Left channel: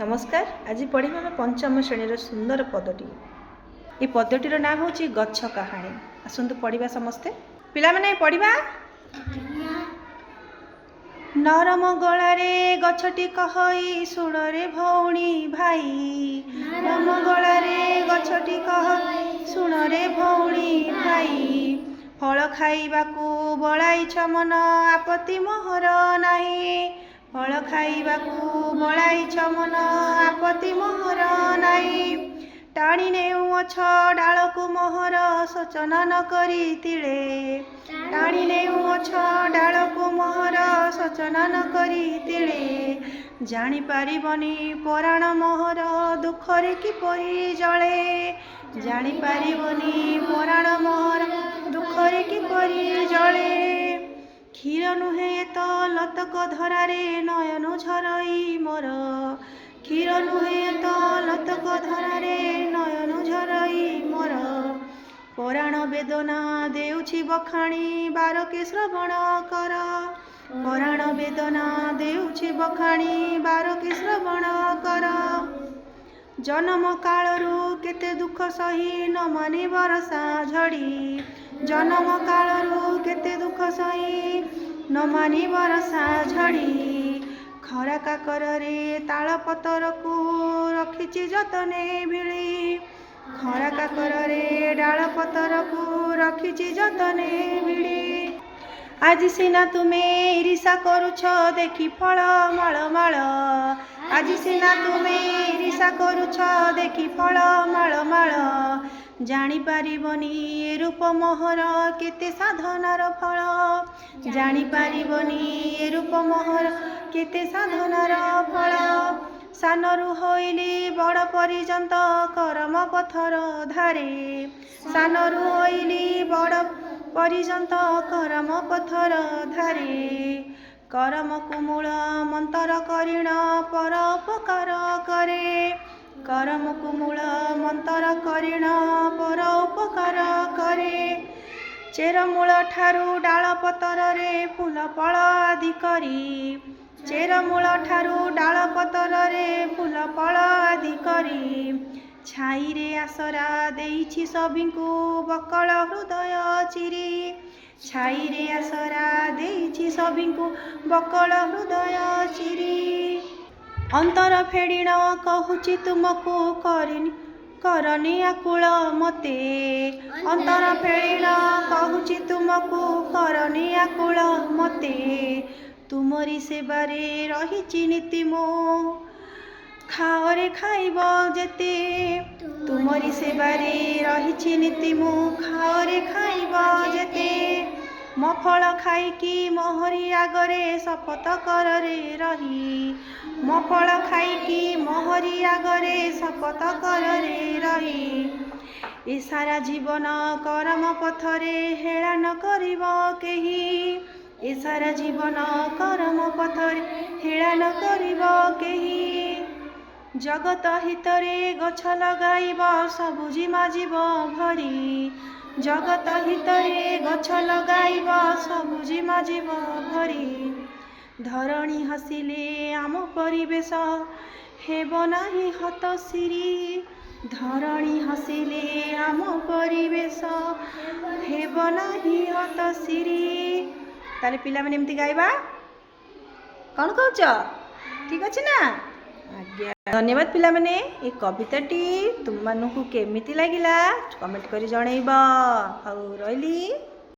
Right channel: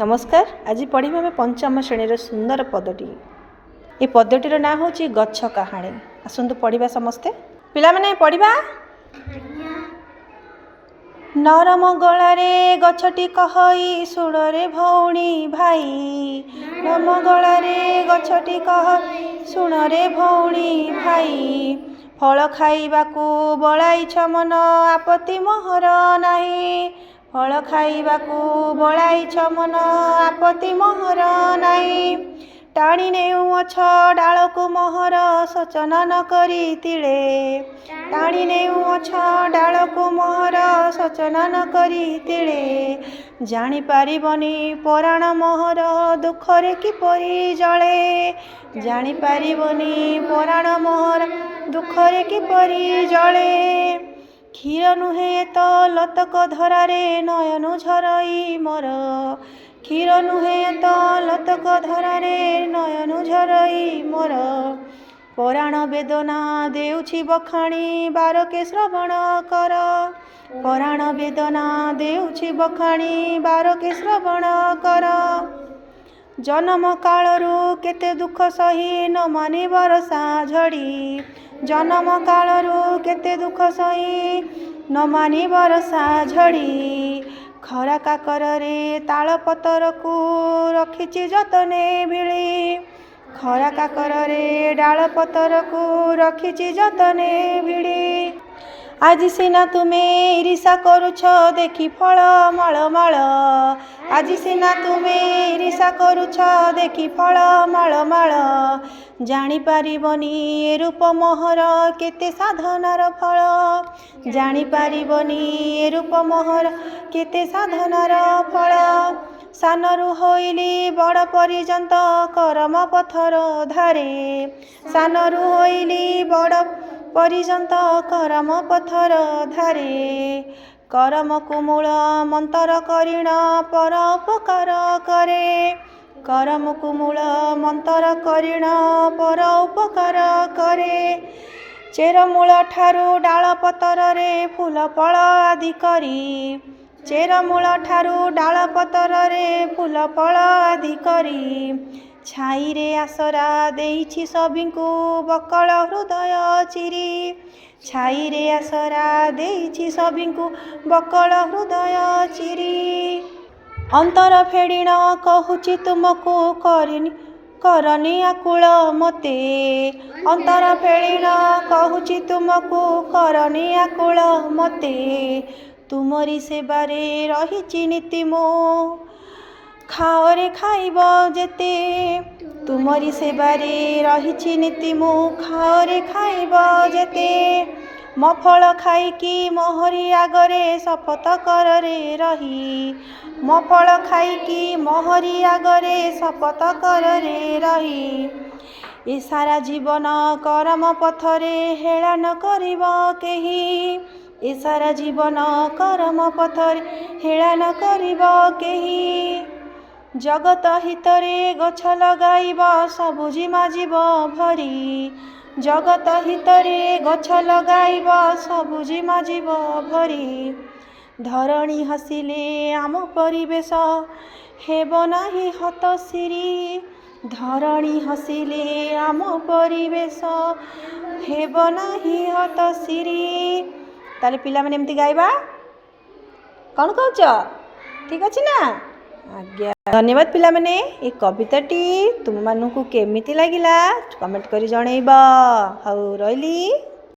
नमस्कार। आज पढ़िबा में पंचम श्रेणी सुंदर पदटी। ये पदटीर ना हूँ गच्छ कहानी। आसतु पढ़िबा समस्ते। पिला माने पढ़िबा। नरम गलारे गछटी कहई सुड़रे भौणी भाई। नरम गलारे गछटी कहई सुड़रे भौणी भाई। फल खाइबाकू बलाइछ मन आपत्ति मोहर नाही। फल खाइबाकू बलाइछ मन आपत्ति मोहर नाही। टाणी नेउछ डालकू मोहर सोचना न करी तिले। टाणी नेउछ डालकू मोहर सोचना न करी तिले। जानी पारिबनी पराण मोहर दुखरे किपरि जळे। जानी पारिबनी पराण मोहर दुखरे किपरि जळे। क्षीर नुहे तो लतक धरारे नयन झरई मोर। क्षीर नुहे तो लतक धरारे नयन झरई मोर। पराण वेदना देउछि बखाणी बारके श्रवण कर। पराण वेदना देउछि बखाणी बारके श्रवण कर। जन्म कालरू केते दुख सही न मानि बरसा झड़ी। जन्म कालरू केते दुख सही न मानि बरसा झड़ी। खरा काकरे ताल पतर को रखिछि जतने भिड़ी। खरा काकरे डाल पतर को रखिछि जतने भिड़ी। आज सिना तुमे ईर्षा करुछ देखि फल माल माल। आज सिना तुमे ईर्षा करुछ देखि फल माल माल। जानी पारिबनी ए रूप मोहर केते साधनार फल। जानी पारिबनी ए रूप मोहर केते साधनार फल। सानरू होइली बड़ पर्यंत करम पथर धारे। सानरू होइली बड़ पर्यंत करम पथर धारे। करम कुमूल मंतर करिण पर उपकार करे। करम कुमूल मंतर करिण पर उपकार करे। चेरमूल ठारू डाल पतर रे फूल फल आदि करी। चेरमूल ठारू डाल पतर रे फूल फल आदि करी। छाई रे आसरा देइछि सबिंकु बकल हृदय चिरी। छाई रे आसरा देइछि सबिंकु बकल हृदय चिरी। अंतर फेड़िण कहूछि तुमको करनी आकुल मते। अंतर फेड़िण कहूछि तुमको करनी आकुल मते। तुमरी सेबारे रहिछि नीति मो खाओ रे खाइब जेते। तुमरी सेबारे रहिछि नीति मो खाओ रे खाइब जेते। मो फल खाइकी मोहरी आगरे शपथ कर रे रही। मो फल खाइकी मोहरी आगरे शपथ कर रे रही। ए सारा जीवन करम पथरे हेला न करिब केही। ए सारा जीवन करम पथरे हेला न करिब केही। जगत हितरे गछ लगाइब सबुजिमा जीव भरी। जगत हितरे गछ लगाइब सबुजिमा जीव भरी। धरणी हसिले आम परिवेश हेब नाही हतसिरी। धरणी हसिले आम परिवेश हेब नाही हतसिरी। ताले पिला माने एमती गाइबा। कौन कहूच ठीक अच्छे ना। आज्ञा धन्यवाद पिला माने। ए कविताटी तुम मानू केमिति लागिला कमेंट करी जणैब। हौ रहिली।